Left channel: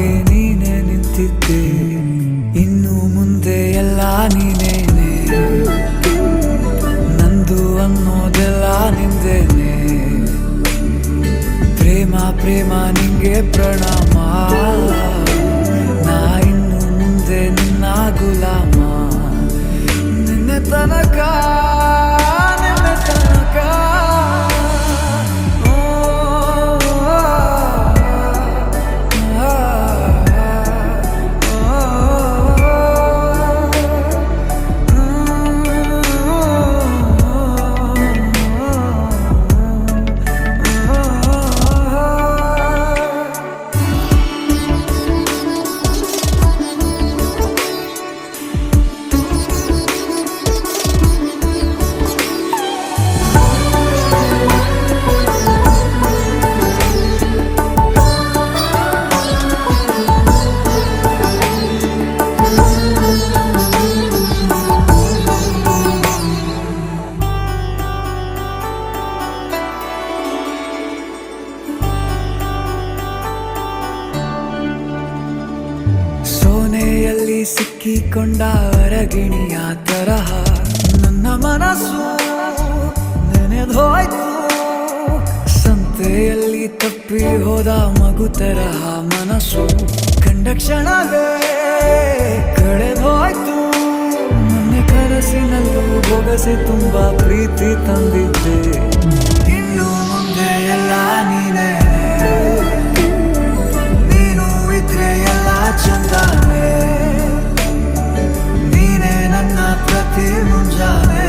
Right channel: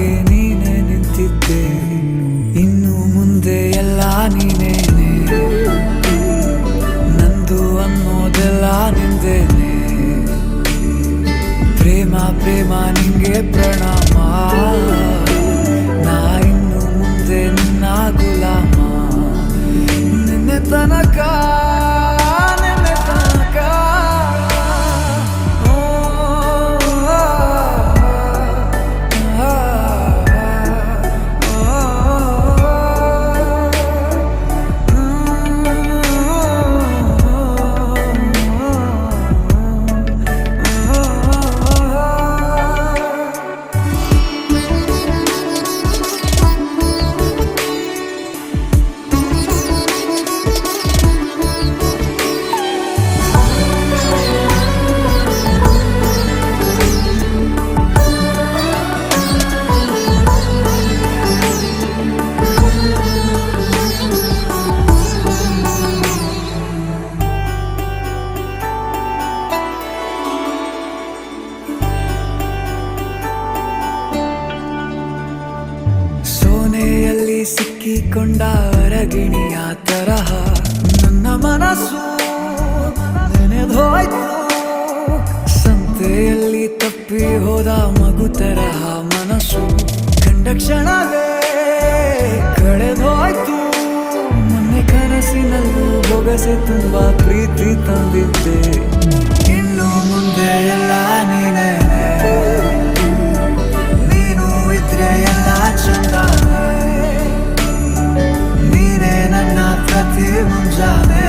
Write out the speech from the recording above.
ಹಾಗೆ ನೀನೆ ನಿಂತಿದ್ದೆ, ಇನ್ನು ಮುಂದೆ ಎಲ್ಲ ನೀನೇನೆ, ನಂದು ಅನ್ನೋದೆಲ್ಲ ನಿಂದೇನೆ. ಪ್ರೇಮ ಪ್ರೇಮ ನಿಂಗೆ ಪ್ರಣಾಮ, ನಾ ಇನ್ನು ಮುಂದೆ ನಿನ್ನ ಗುಲಾಮ. ನಿನ್ನೆ ತನಕ ನಿನ್ನೆ ತನಕ ಸೋನೆಯಲ್ಲಿ ಸಿಕ್ಕಿಕೊಂಡ ಅರಗಿಣಿಯ ತರಹ ನನ್ನ ಮನಸ್ಸು ನೆನೆದೋಯ್ತು. ಸಂತೆಯಲ್ಲಿ ತಪ್ಪಿ ಹೋದ ಮಗು ತರಹ ಮನಸ್ಸು ಕಂಡ ಕ್ಷಣವೇ ಕಳೆದೋಯ್ತು. ಮೊನ್ನೆ ಕನಸಿನಲ್ಲೂ ಬೊಗಸೆ ತುಂಬಾ ಪ್ರೀತಿ ತಂದಿದ್ದೆ, ಇನ್ನು ಮುಂದೆ ಎಲ್ಲ ನೀನೇ, ನೀನು ಇದ್ರೆ ಎಲ್ಲ ಚಂದಾನೆ, ನೀನೇ ನನ್ನ ಪ್ರತಿ ಮುಂಜಾನೆ.